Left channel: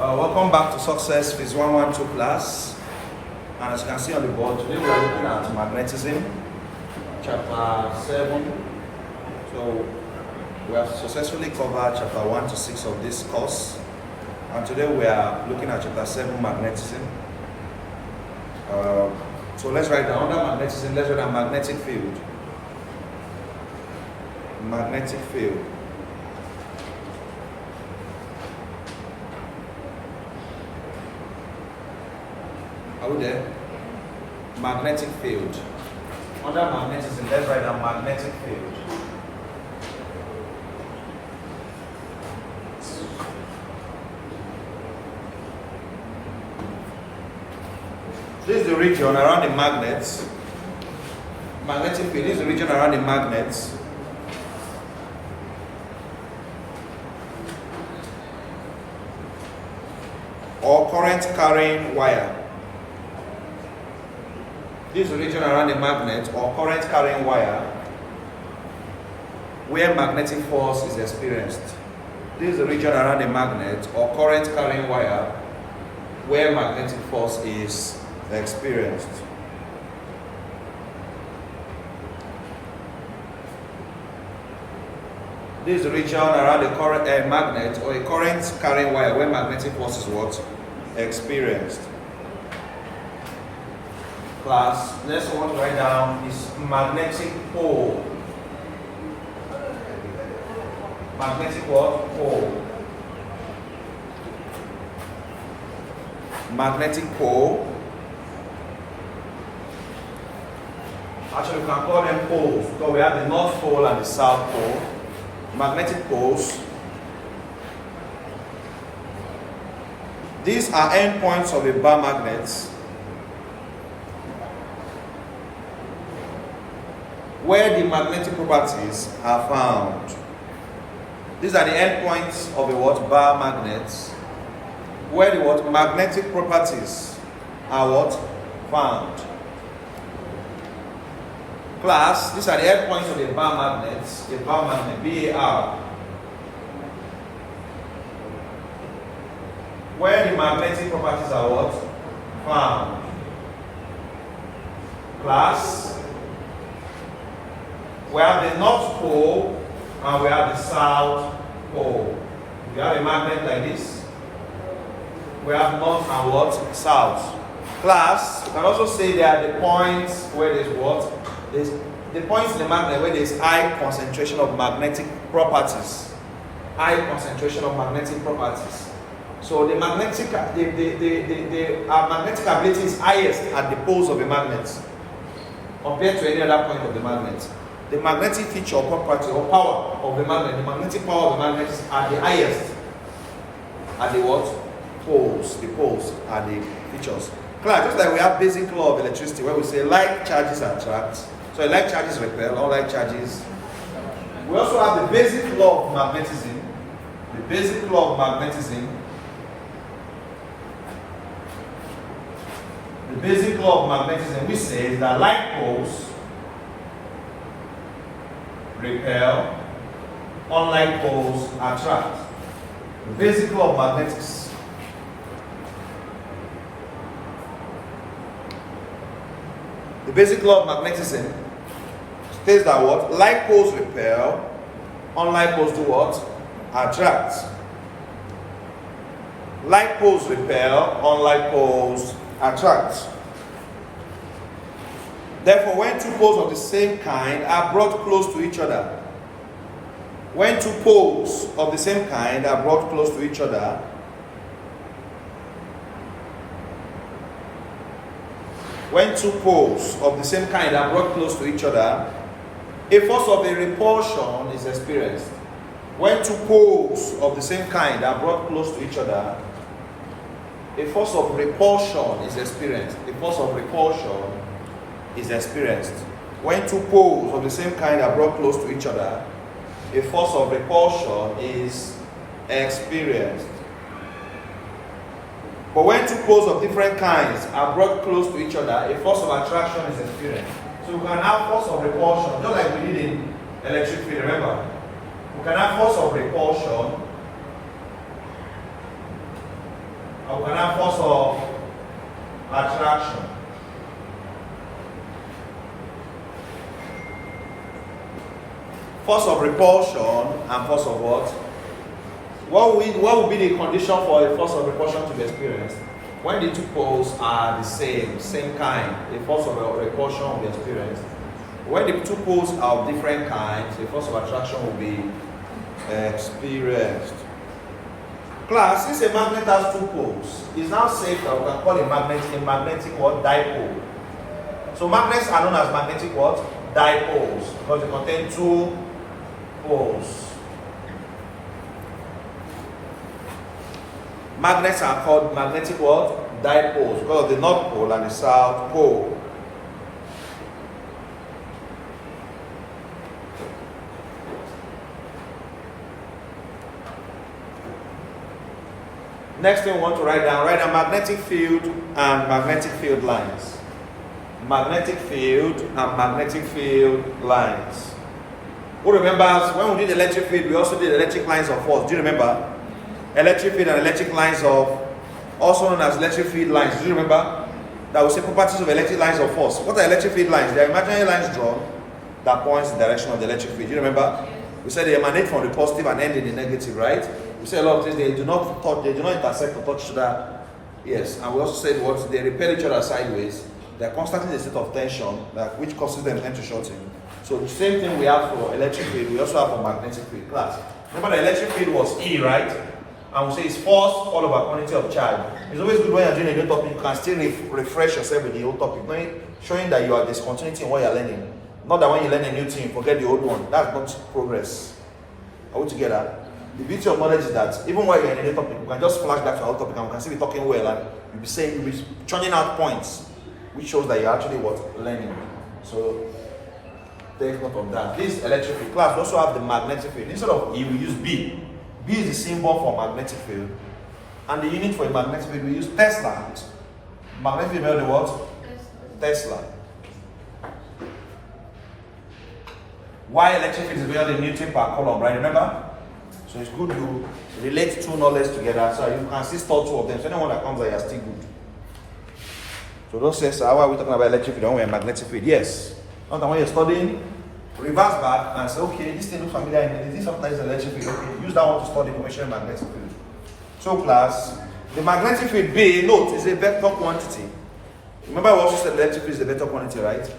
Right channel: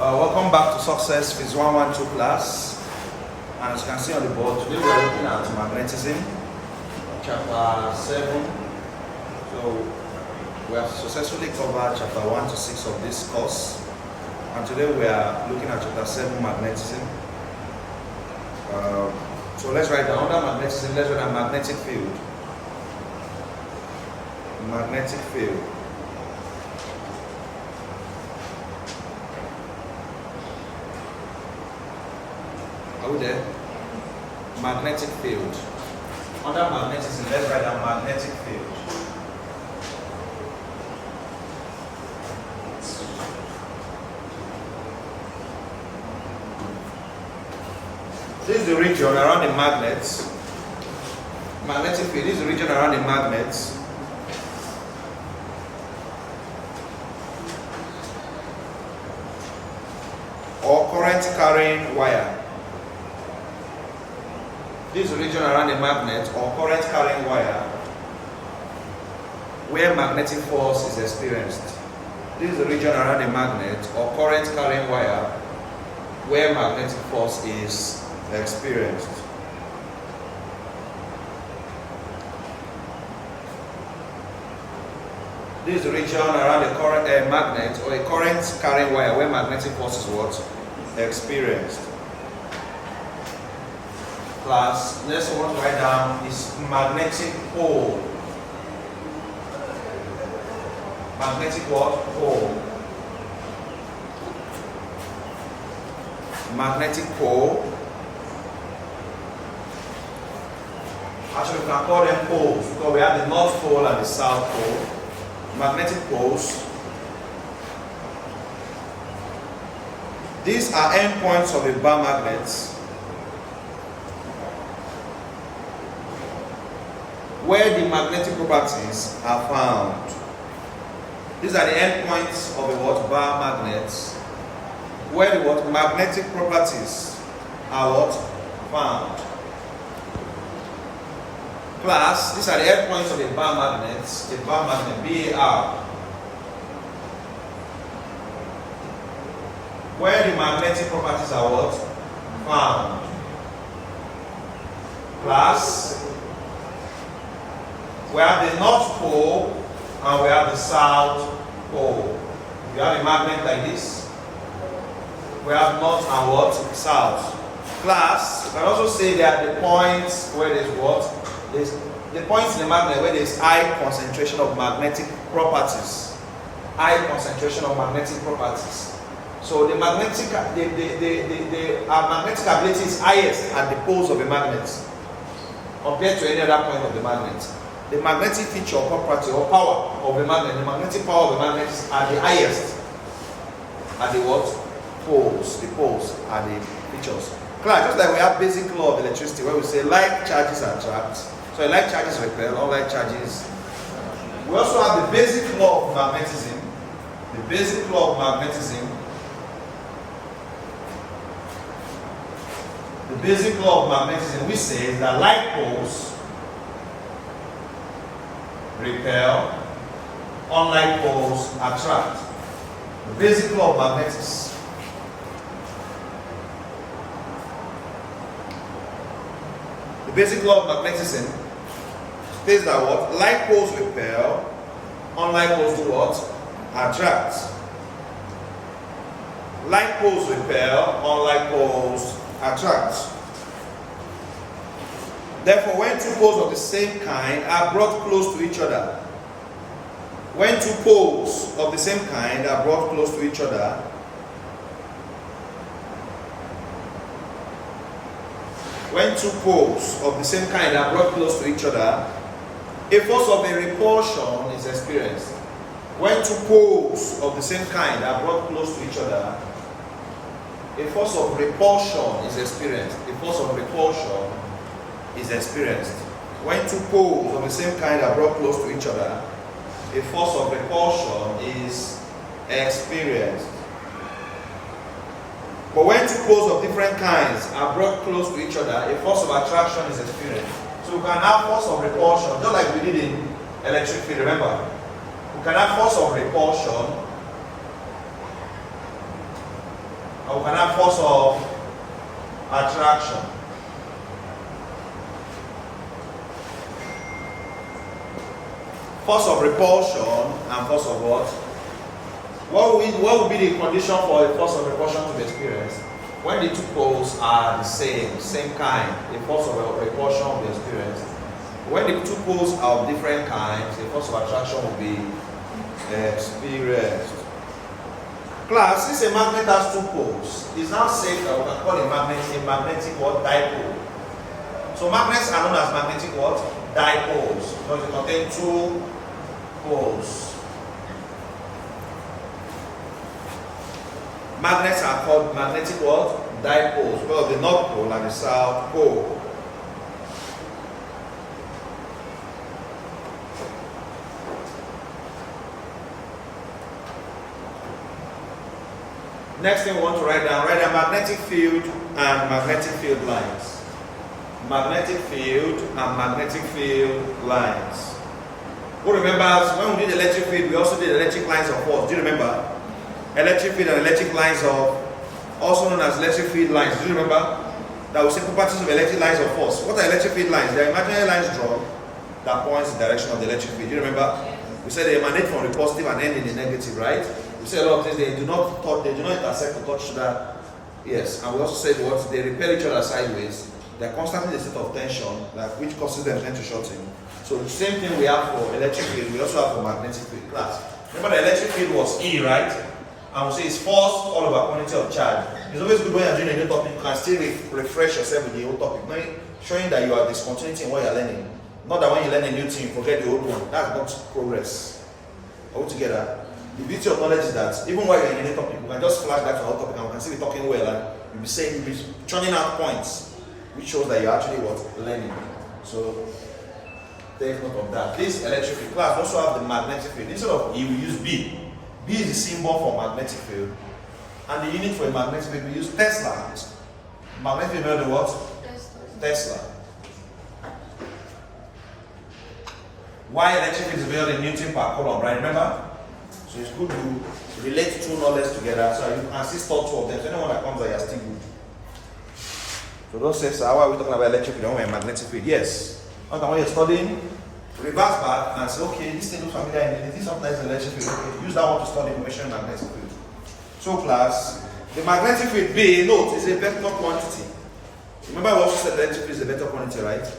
Welcome back to Success Phase 112 class. And as you can see on the board, today we are looking at magnetism, chapter 7. So we have successfully covered chapter 1 to 6 of this course. And today we are looking at chapter 7, magnetism. So let's write down under magnetism, let's write down magnetic field. Magnetic field. Are we there? Magnetic field. Under magnetism, let's write down magnetic field. This is the region around the magnets. Magnetic field is the region around the magnets. Or current carrying wire. This is the region around the magnet or current carrying wire where magnetic force is experienced. This is the region around the magnet or current carrying wire where magnetic force is experienced. This is the region around the current magnet or a current carrying wire where magnetic force is what? Experienced. Class, next one I want to write down is magnetic pole. Magnetic what? Pole. Magnetic pole. Actually, we can call them poles because we have the North Pole and the South Pole. Magnetic poles. These are endpoints of a bar magnet where the magnetic properties are found. These are the endpoints of a what? Bar magnets where the what? Magnetic properties are what? Found. Class, these are the endpoints of a bar magnet, BAR, where the magnetic properties are what? Found. Class, we have the North Pole and we have the South Pole. If you have a magnet like this, we have North and what? South. Class, you can also say there are the points where there's what? There's the points in the magnet where there's high concentration of magnetic properties. High concentration of magnetic properties. So the magnetic ability is highest at the poles of a magnet compared to any other point of the magnet. The magnetic feature or property or power of the magnet, the magnetic power of the magnet is at the highest at the what? Poles. The poles are the features. Class, just like we have basic law of electricity where we say like charges attract. So like charges repel, unlike charges. We also have the basic law of magnetism. The basic law of magnetism. The basic law of magnetism, we say that like poles repel, unlike poles attract. The basic law of magnetism. The basic law of magnetism states that what? Like poles repel, unlike poles do what? Attract. Like poles repel, unlike poles attract. Therefore, when two poles of the same kind are brought close to each other, when two poles of the same kind are brought close to each other, when two poles of the same kind are brought close to each other, a force of a repulsion is experienced. When two poles of the same kind are brought close to each other, a force of repulsion is experienced. A force of repulsion is experienced. When two poles of the same kind are brought close to each other, a force of repulsion is experienced. But when two poles of different kinds are brought close to each other, a force of attraction is experienced. So we can have force of repulsion, just like we did in electric field, remember? We can have force of repulsion And we can have force of attraction. Force of repulsion and force of what? What will be the condition for a force of repulsion to be experienced? When the two poles are the same kind, a force of repulsion will be experienced. When the two poles are of different kinds, a force of attraction will be experienced. Class, since a magnet has two poles, it's now safe that we can call a magnetic what? Dipole. So magnets are known as magnetic what? Dipoles, because they contain two poles. Magnets are called magnetic what? Dipoles, because of the North Pole and the South Pole. Next thing we want to write down magnetic field and magnetic field lines. Magnetic field and magnetic field lines. Who remembers when we did electric field, we also did electric lines of force? Do you remember? Electric field and electric lines of, also known as electric field lines. Do you remember? That we say properties of electric lines of force. What are electric field lines? They are imaginary lines drawn that points in the direction of the electric field. Do you remember? We said they emanate from the positive and end in the negative, right? We say a lot of things, they do not intersect or touch that. Yes, and we also said what? They repel each other sideways. They are constantly in a state of tension, which causes them to shorten. So the same thing we have for electric field, we also have for magnetic field. Class. Remember the electric field was E, right? And we say it's force all over quantity of charge. It's always good when you're doing a new topic, you can still refresh yourself with the old topic, showing that you are discontinuity in what you're learning. Not that when you learn a new thing, you forget the old one. That's not progress. Are we together? The beauty of knowledge is that even while you're in a new topic, you can just flash back to our topic and we can still be talking well, and you'll be churning out points, which shows that you're actually learning. So take note of that. This electric field class also have the magnetic field. Instead of E, we use B. B is the symbol for magnetic field. And the unit for a magnetic field, we use Tesla. Magnetic field, you know the what? Tesla. Why electric field is bigger than Newton per coulomb, right? Remember? So it's good to relate two knowledge together so you can still store two of them. So anyone that comes there, you're still good. So don't say, so how are we talking about electric field? Don't magnetic field. Yes. When you're studying, reverse back and say, okay, this thing looks familiar. Is this something that's electric field? Okay, use that one to study information magnetic field. So class, the magnetic field B, note, is a vector quantity. Remember I also said electric field is a vector quantity, right?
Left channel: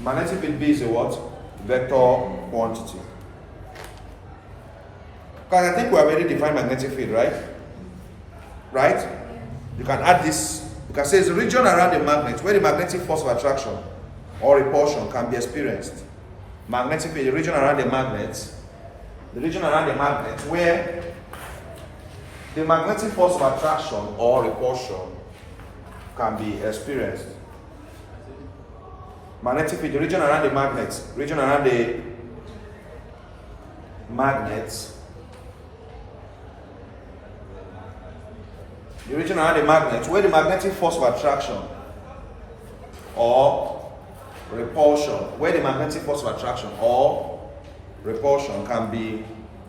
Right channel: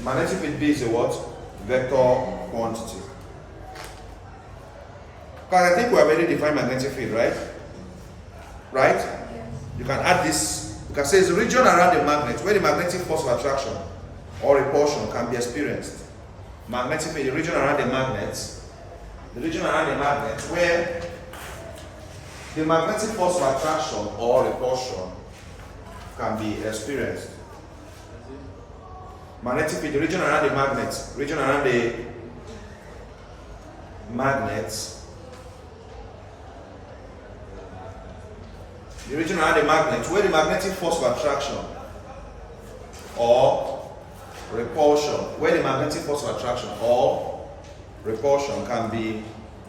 Magnetic field B is a what? Vector quantity. Because I think we have already defined magnetic field, right? Right? Yes. You can add this. You can say it's a region around the magnet where the magnetic force of attraction or repulsion can be experienced. Magnetic field, the region around the magnet. The region around the magnet where the magnetic force of attraction or repulsion can be experienced. Magnetic field, the region around the magnet. Region around the magnet. The region around the magnet where the magnetic force of attraction or repulsion, where the magnetic force of attraction or repulsion can be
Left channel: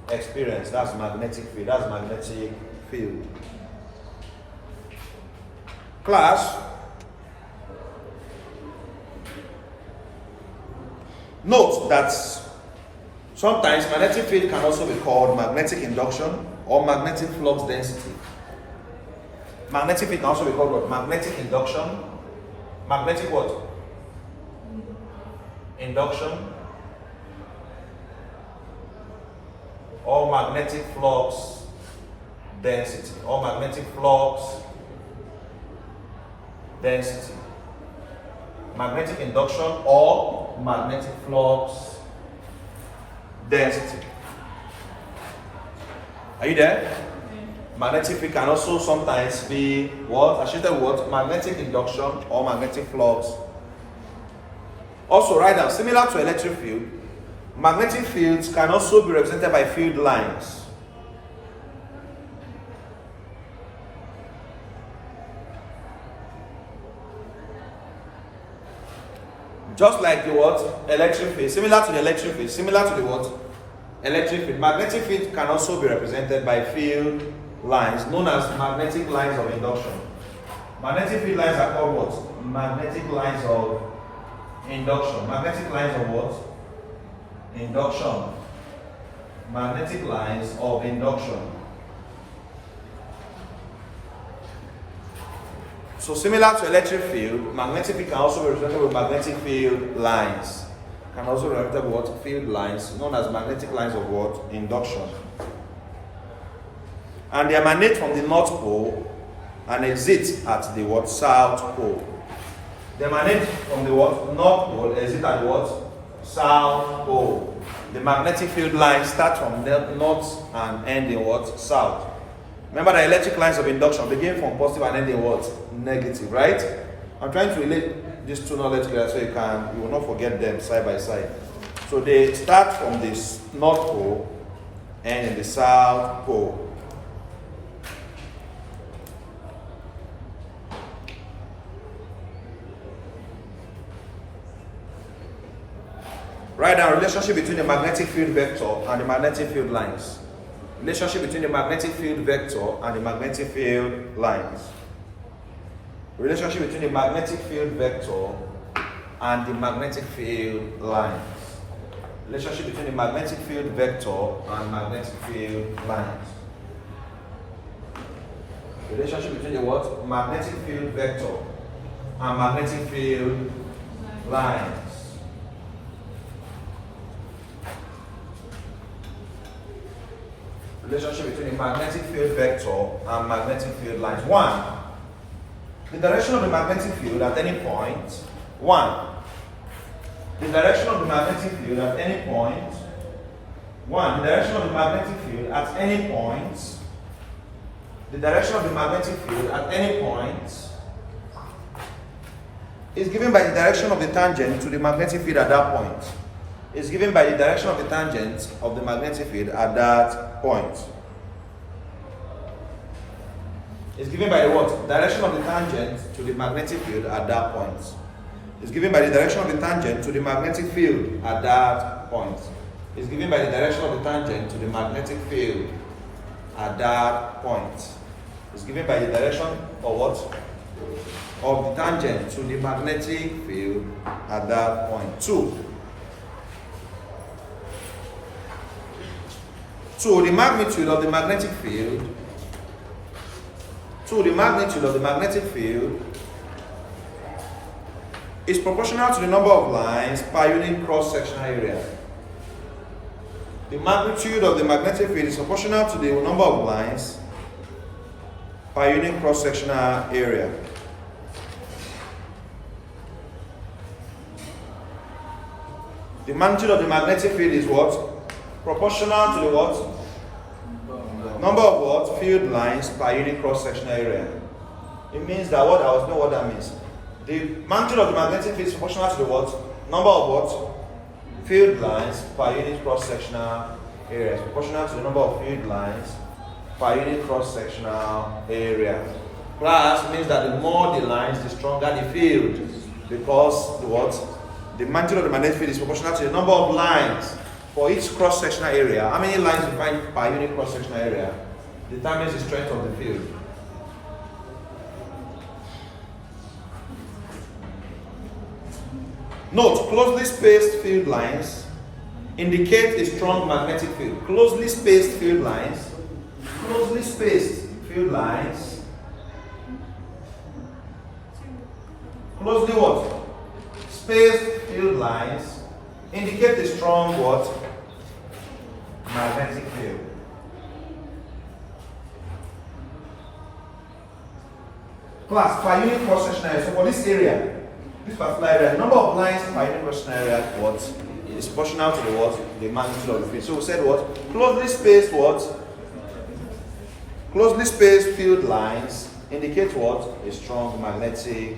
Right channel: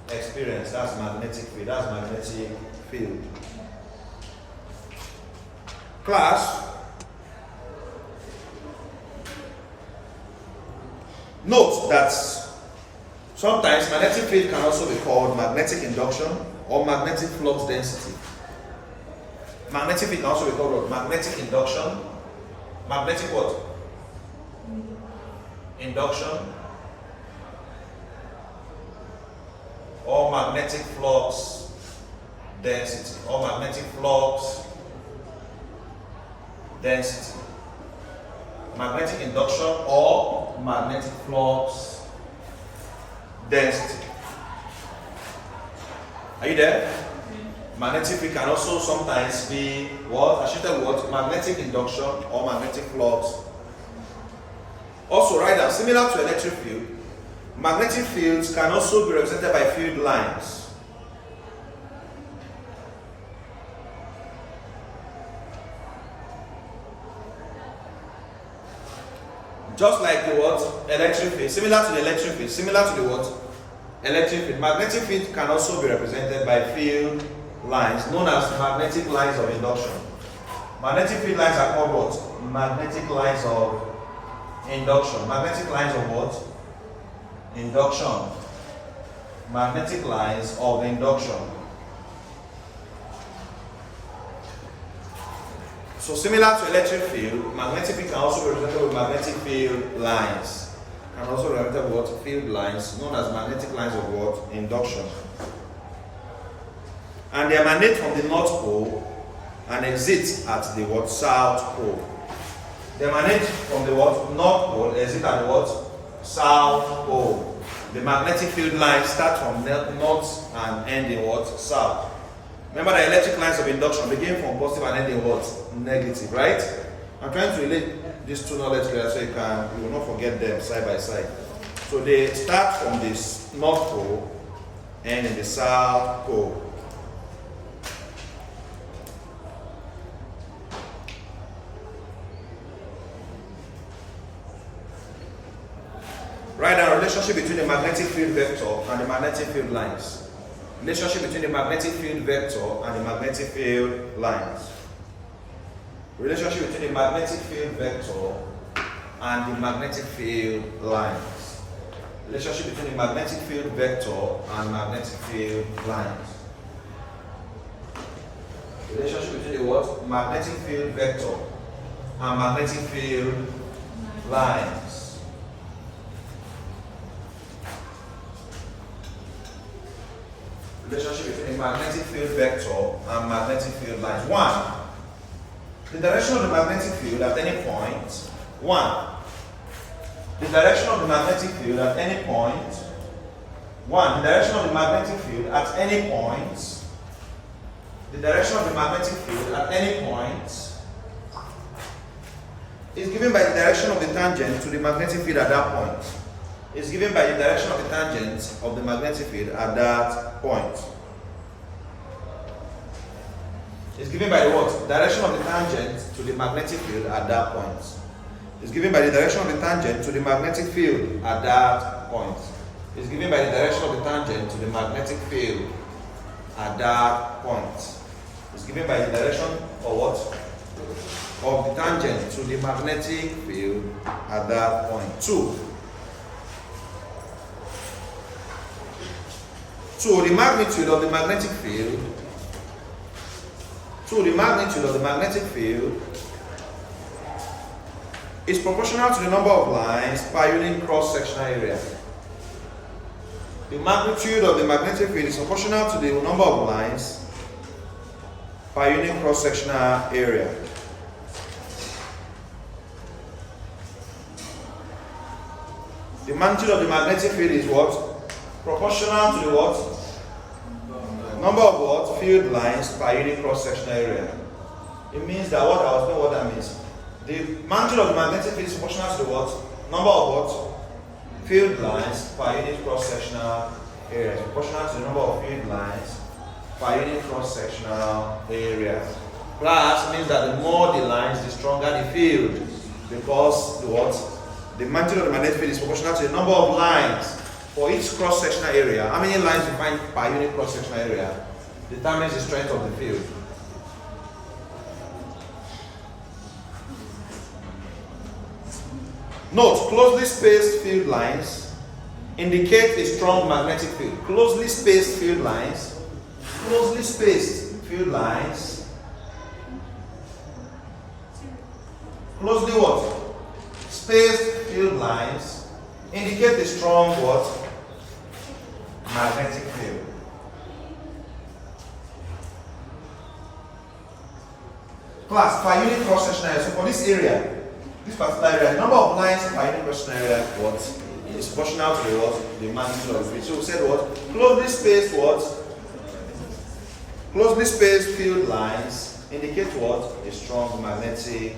experienced. That's magnetic field. That's magnetic field. Class, note that sometimes magnetic field can also be called magnetic induction or magnetic flux density. Magnetic field can also be called what? Magnetic induction. Magnetic what? Induction. Or magnetic flux density. Or magnetic flux density. Magnetic induction or magnetic flux density. Are you there? Magnetic field can also sometimes be what? I should tell what? Magnetic induction or magnetic flux. Also, write down, similar to electric field, magnetic fields can also be represented by field lines. Just like the what? Electric field, similar to the electric field, similar to the what? Electric field. Magnetic field can also be represented by field lines known as magnetic lines of induction. Magnetic field lines are called what? Magnetic lines of induction. Magnetic lines of what? Induction. Magnetic lines of induction. So similar to electric field, magnetic field can also be represented with magnetic field lines. Can also be represented with what? Field lines, known as magnetic lines of what? Induction. And they emanate from the North Pole and exit at the what? South Pole. They emanate from the what? North Pole, exit at the what? South Pole. The magnetic field lines start from north and end in what? South. Remember that electric lines of induction begin from positive and end in what? Negative, right? I'm trying to relate these two knowledge together so you will not forget them side by side. So they start from this North Pole and in the South Pole. Write down relationship between the magnetic field vector and the magnetic field lines. Relationship between the magnetic field vector and the magnetic field lines. Relationship between the magnetic field vector and the magnetic field lines. Relationship between the magnetic field vector and magnetic field lines. Relationship between the what? Magnetic field vector and magnetic field lines. Relationship between the magnetic field vector and magnetic field lines. 1. The direction of the magnetic field at any point. 1. The direction of the magnetic field at any point. 1. The direction of the magnetic field at any point. The direction of the magnetic field at any point is given by the direction of the tangent to the magnetic field at that point. Is given by the direction of the tangent of the magnetic field at that point. It's given by the what? Direction of the tangent to the magnetic field at that point. It's given by the direction of the tangent to the magnetic field at that point. It's given by the direction of the tangent to the magnetic field at that point. It's given by the direction of what? Of the tangent to the magnetic field at that point. 2. So the magnitude of the magnetic field. So the magnitude of the magnetic field is proportional to the number of lines per unit cross-sectional area. The magnitude of the magnetic field is proportional to the number of lines per unit cross-sectional area. The magnitude of the magnetic field is what? Proportional to the what? Number of what? Field lines per unit cross-sectional area. It means that what? I was know what that means. The magnitude of the magnetic field is proportional to the what? Number of what? Field lines per unit cross-sectional area. It's proportional to the number of field lines per unit cross-sectional area. Plus means that the more the lines, the stronger the field. Because the what? The magnitude of the magnetic field is proportional to the number of lines for each cross-sectional area. How many lines we find per unit cross-sectional area determines the strength of the field. Note, closely spaced field lines indicate a strong magnetic field. Closely spaced field lines, closely spaced field lines, closely what? Spaced field lines indicate a strong what? Magnetic field. Class, per unit cross-sectional area. So for this area, this particular area, the number of lines per unit cross-sectional area what? Is proportional to the what? The magnitude of the field. So we said what? Closely spaced what? Closely spaced field lines indicate what? A strong magnetic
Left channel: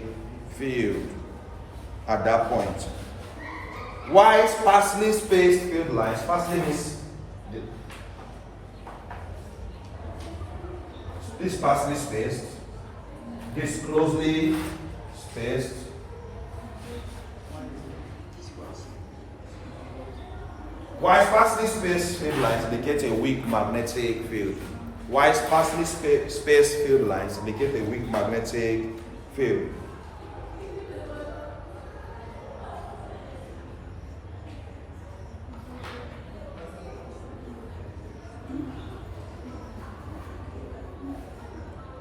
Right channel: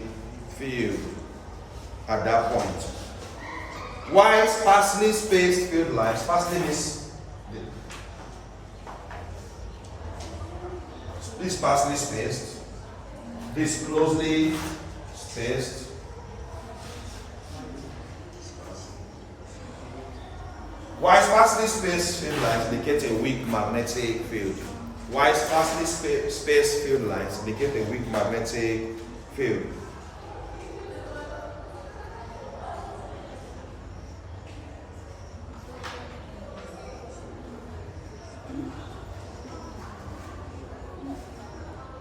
field at that point. While sparsely spaced field lines, sparsely means this sparsely spaced, this closely spaced, while sparsely spaced field lines indicate a weak magnetic field. while sparsely spaced field lines indicate a weak magnetic field.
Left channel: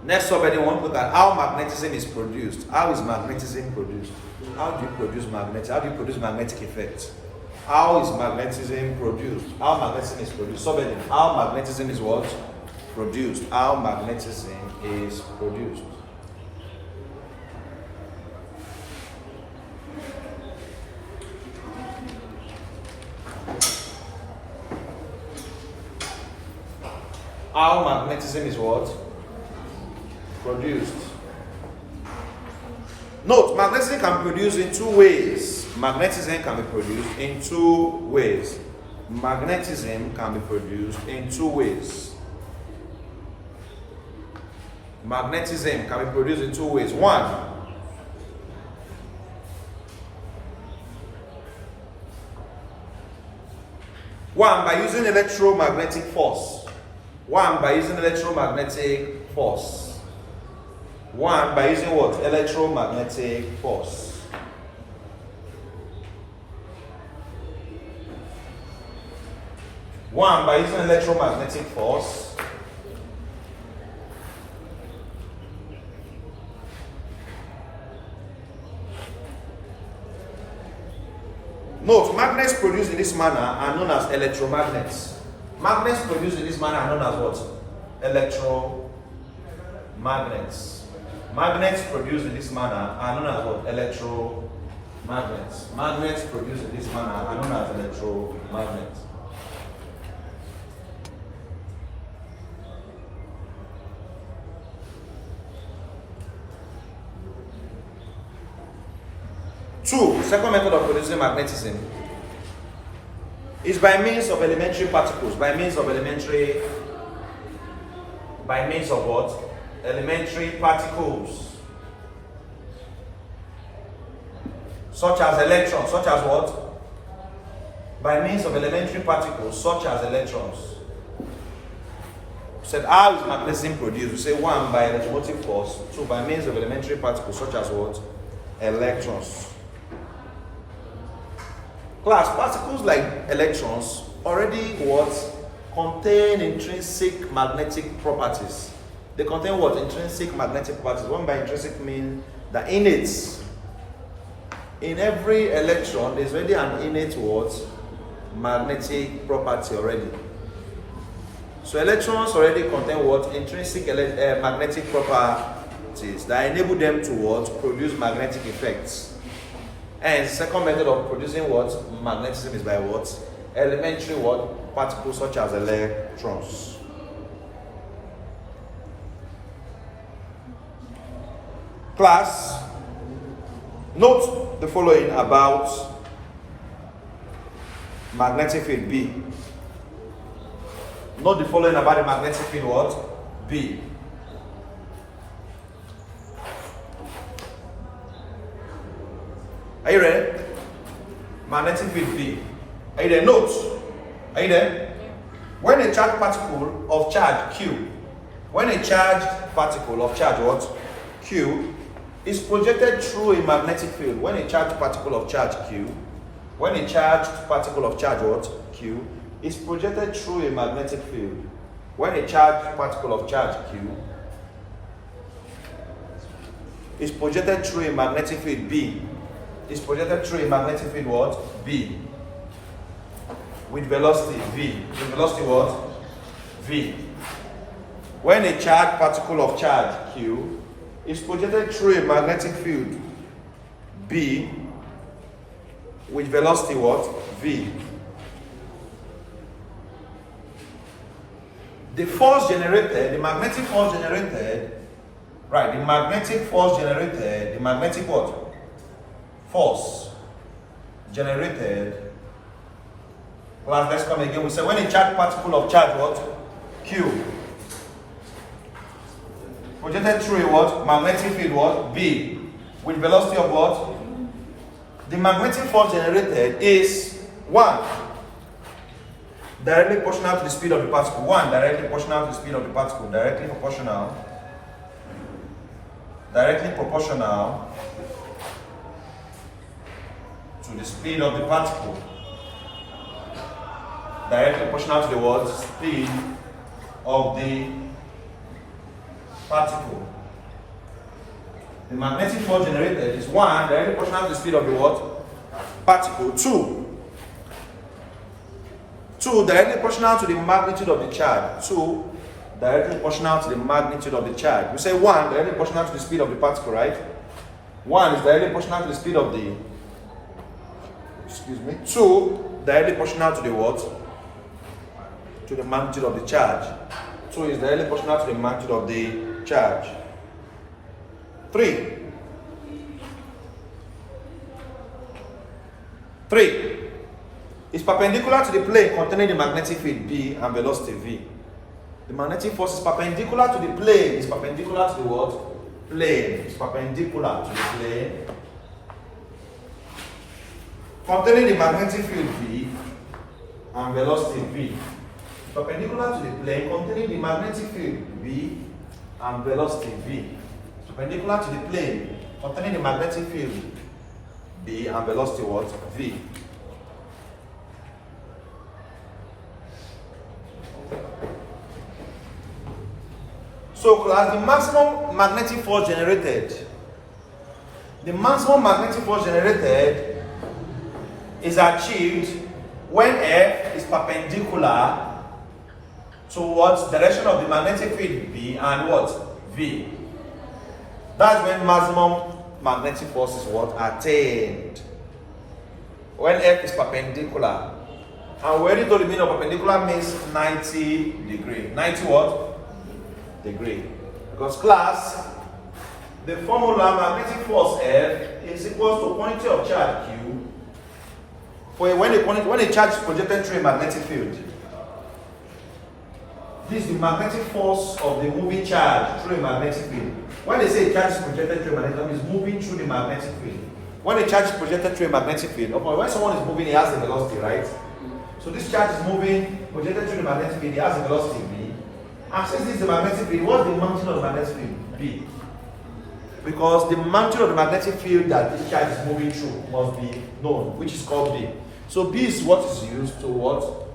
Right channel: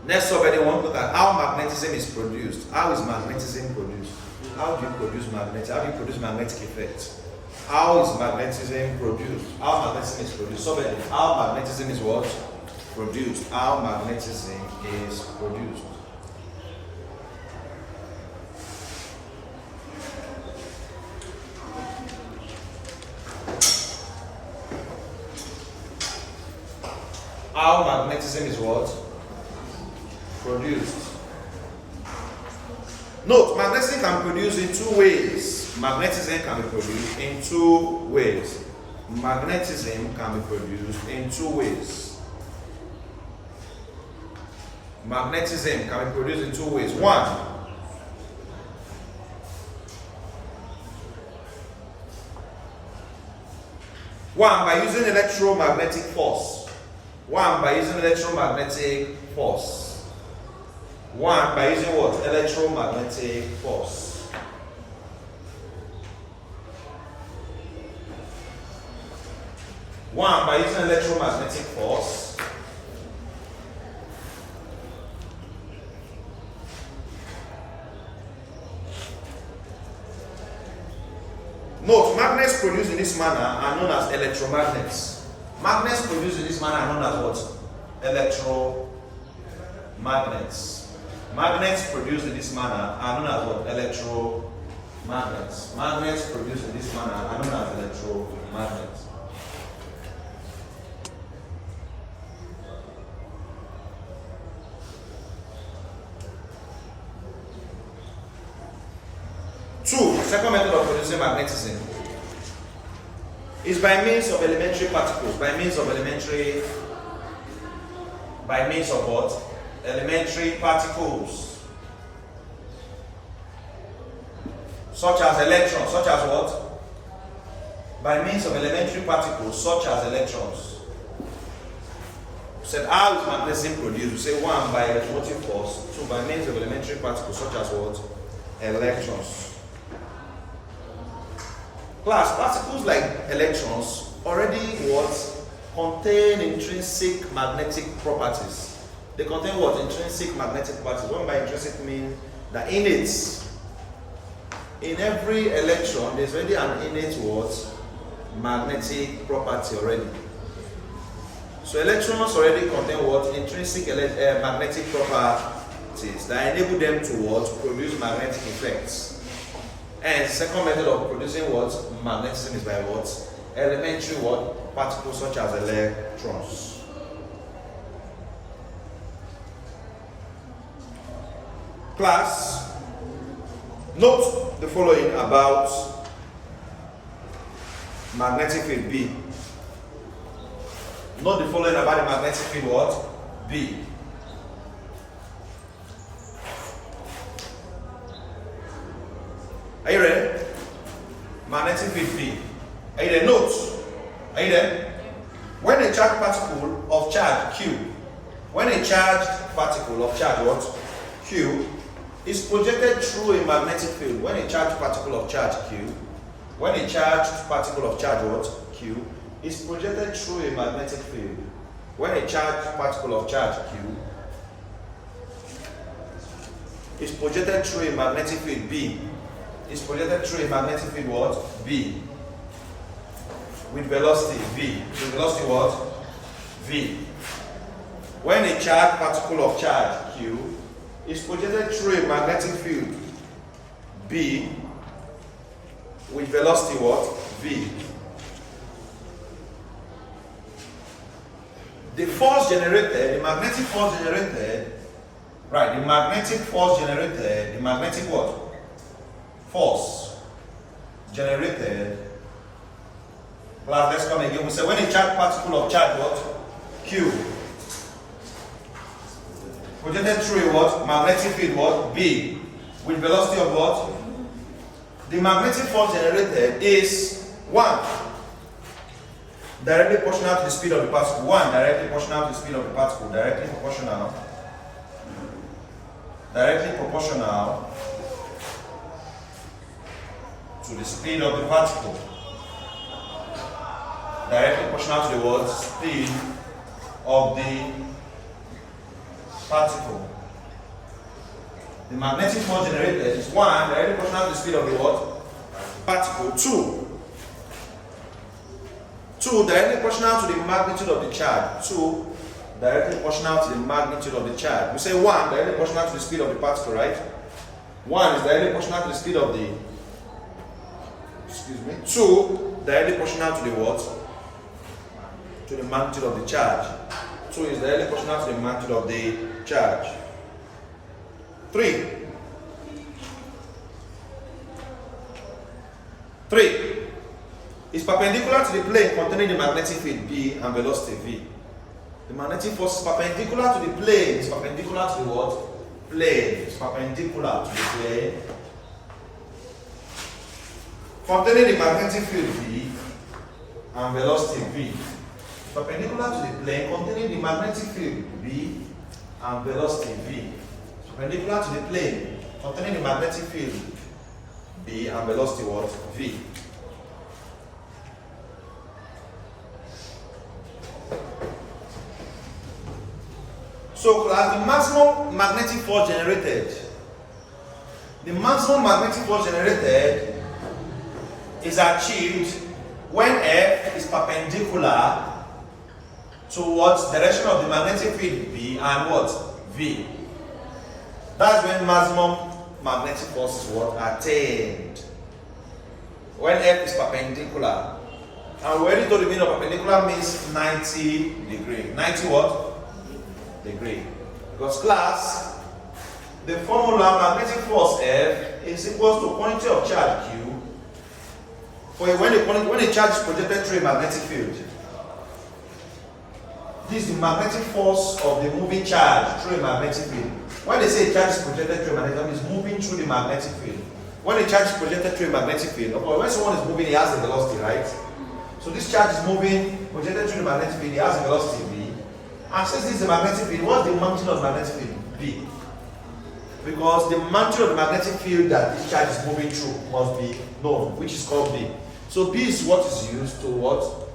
Next subheading, we want to look at how magnetism is produced. How is magnetism produced? How do you produce magnetism? How do you produce magnetic effects? How is magnetism produced? How magnetism is produced? Subheading, how magnetism is what? Produced. How magnetism is produced. How magnetism is what? Produced. Note, magnetism can be produced in two ways. Magnetism can be produced in two ways. Magnetism can be produced in two ways. Magnetism can be produced in two ways. One, by using electromagnetic force. By using electromagnetic force. By using what? Electromagnetic force. By using electromagnetic force. Note, magnets produced in this manner are known as electromagnets. Magnets produced in this manner are known as what? Electromagnets. Magnets produced in this manner are known as what? Electromagnets. Magnets produced in this manner are known as electromagnets. Two, second method of producing magnetism is by means of elementary particles. By means of what? Elementary particles. Such as electrons. Such as what? By means of elementary particles such as electrons. We said, how is magnetism produced? We say, one, by electromotive force. Two, by means of elementary particles such as what? Electrons. Class, particles like electrons already what? Contain intrinsic magnetic properties. They contain what? Intrinsic magnetic properties. What by intrinsic means the innate. In every electron, there's already an innate what? Magnetic property already. So electrons already contain what? Intrinsic magnetic properties that enable them to what? Produce magnetic effects. And the second method of producing what? Magnetism is by what? Elementary what? Particles such as electrons. Class, note the following about magnetic field B. Note the following about the magnetic field what? B. Are you ready? Magnetic field B. Are you there? Note. Are you there? When a charged particle of charge Q, when a charged particle of charge what? Q is projected through a magnetic field. When a charged particle of charge Q, when a charged particle of charge what? Q is projected through a magnetic field. When a charged particle of charge Q is projected through a magnetic field B, is projected through a magnetic field what? B. With velocity V. With velocity what? V. When a charged particle of charge Q is projected through a magnetic field B with velocity what? V. The force generated, the magnetic force generated, right, the magnetic force generated, the magnetic what? Force generated. Well, let's come again. We say when a charged particle of charge what? Q projected through a what? Magnetic field what? B with velocity of what? The magnetic force generated is 1. directly proportional to the speed of the particle. 1 directly proportional to the speed of the particle. Directly proportional to the speed of the particle. Directly proportional to the what? Speed of the particle. The magnetic force generated is 1 directly proportional to the speed of the what? Particle. 2 directly proportional to the magnitude of the charge. 2 directly proportional to the magnitude of the charge. We say 1 directly proportional to the speed of the particle, right? 1 is directly proportional to the speed of the, 2 directly proportional to the what? To the magnitude of the charge. 2 is directly proportional to the magnitude of the charge. 3 is perpendicular to the plane containing the magnetic field B and velocity V. The magnetic force is perpendicular to the plane. It's perpendicular to the what? Plane. It's perpendicular to the plane containing the magnetic field V and velocity V. It's perpendicular to the plane containing the magnetic field V and velocity V. It's perpendicular to the plane containing the magnetic field B and velocity what? V. So class, the maximum magnetic force generated is achieved when F is perpendicular towards the direction of the magnetic field B and what? V. That's when maximum magnetic force is what? Attained. When F is perpendicular. And we already told the meaning of perpendicular means 90 degree. 90 what? Degree. Because class, the formula magnetic force F is equal to quantity of charge Q when a charge is projected through a magnetic field. This is the magnetic force of the moving charge through a magnetic field. When they say a charge is projected through a magnetic field, it's moving through the magnetic field. When a charge is projected through a magnetic field, when someone is moving, he has a velocity, right? So this charge is moving, projected through the magnetic field, he has a velocity V. And since this is the magnetic field, what's the magnitude of the magnetic field? B. Because the magnitude of the magnetic field that this charge is moving through must be known, which is called B. So B is what is used to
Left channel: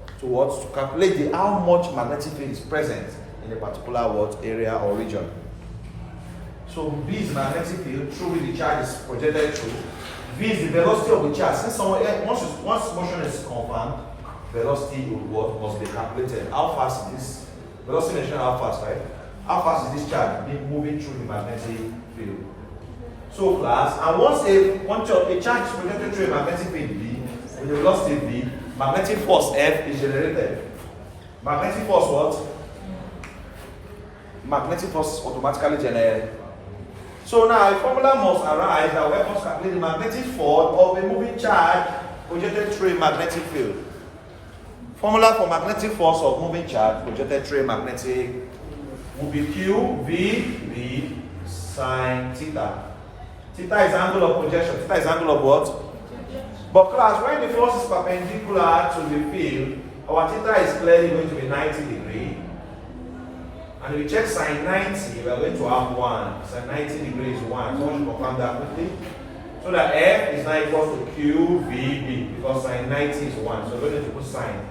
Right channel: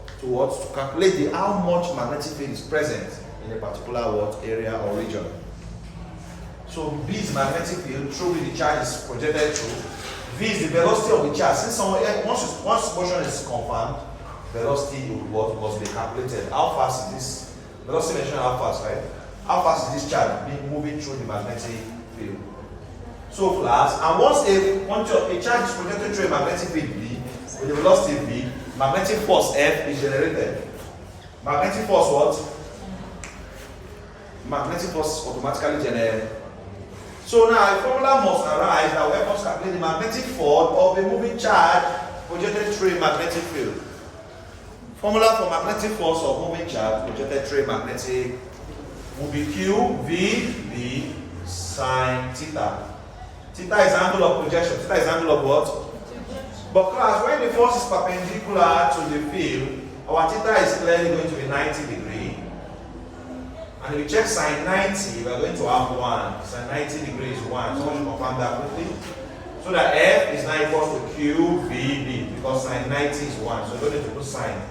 calculate how much magnetic field is present in a particular area or region. So B is magnetic field through which the charge is projected through. V is the velocity of the charge. Since once motion is confirmed, velocity must be calculated. How fast is this? Velocity measuring how fast, right? How fast is this charge being moving through the magnetic field? So class, and once a charge is projected through a magnetic field B with a velocity V, magnetic force F is generated. Magnetic force what? Magnetic force automatically generated. So now a formula must arise that will help us calculate the magnetic force of a moving charge projected through a magnetic field. Formula for magnetic force of moving charge projected through a magnetic will be Q V B sine theta. Theta is angle of projection. Theta is angle of what? But class, when the force is perpendicular to the field, our theta is clearly going to be 90 degree. And if we check sine 90, we are going to have 1. Sine 90 degrees is 1. Someone should confirm that quickly. So that F is now equal to Q V B because sine 90 is 1. So we don't need to put sine.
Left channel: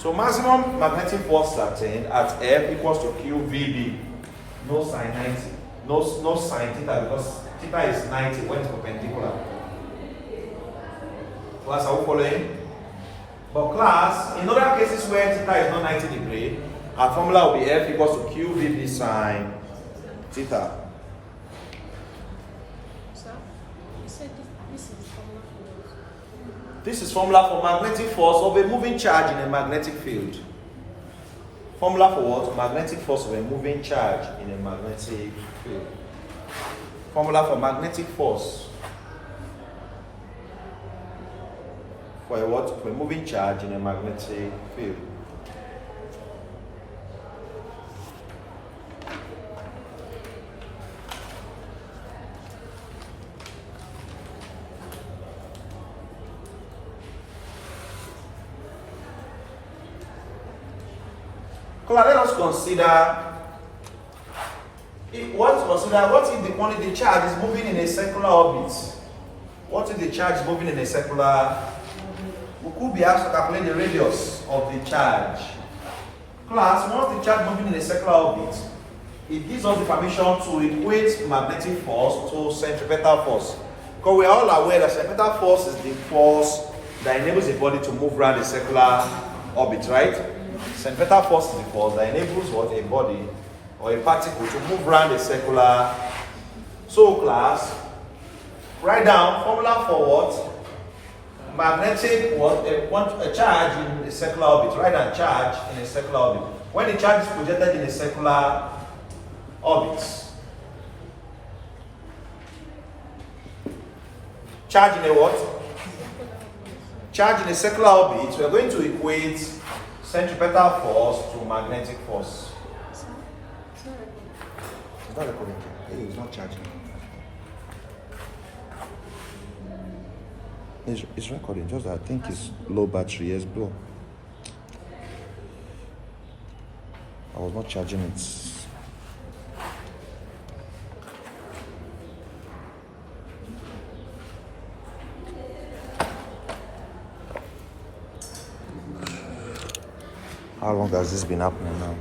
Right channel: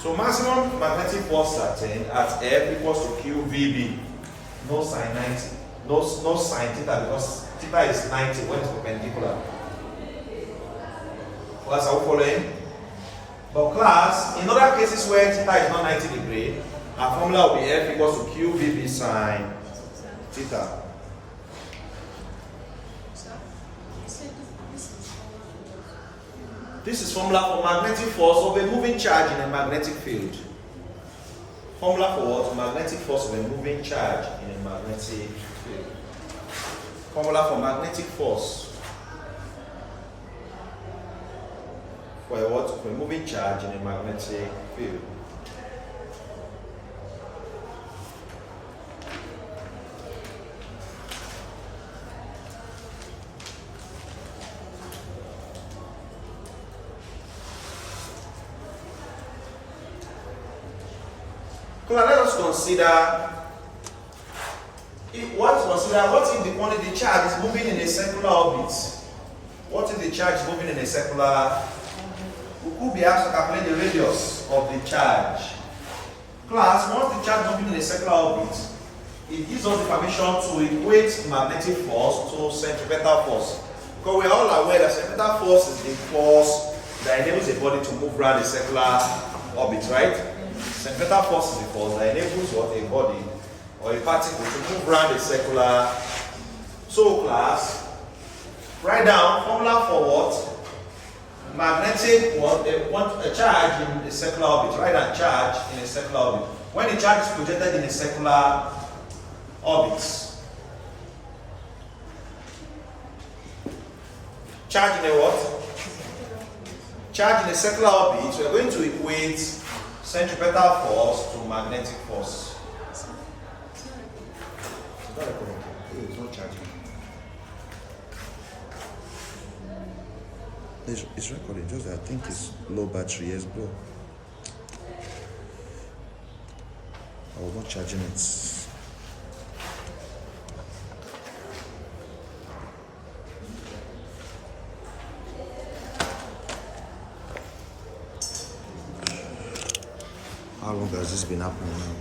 So maximum magnetic force attained at F equals to QVB. No sine 90. No sine theta because theta is 90 when it's perpendicular. Class, are we following? But class, in other cases where theta is not 90 degree, our formula will be F equals to QVB sine theta. This is formula for magnetic force of a moving charge in a magnetic field. Formula for what? Magnetic force of a moving charge in a magnetic field. Formula for magnetic force for a what? For a moving charge in a magnetic field. Let us consider what if only the charge is moving in a circular orbit? What if the charge is moving in a circular? We could be asked to calculate the radius of the charge. Class, once the charge moving in a circular orbit, it gives us the permission to equate magnetic force to centripetal force. Because we are all aware that centripetal force is the force that enables a body to move around a circular orbit, right? Centripetal force is the force that enables what a body or a particle to move around a circular. So class, write down formula for what? Magnetic what? A charge in a circular orbit. Write down charge in a circular orbit. When the charge is projected in a circular orbit, charge in a what? Charge in a circular orbit, we are going to equate centripetal force to magnetic force. Is that recording? It's not charging. It's recording, just I think it's low battery, yes, bro. I was not charging it. How long has this been happening now?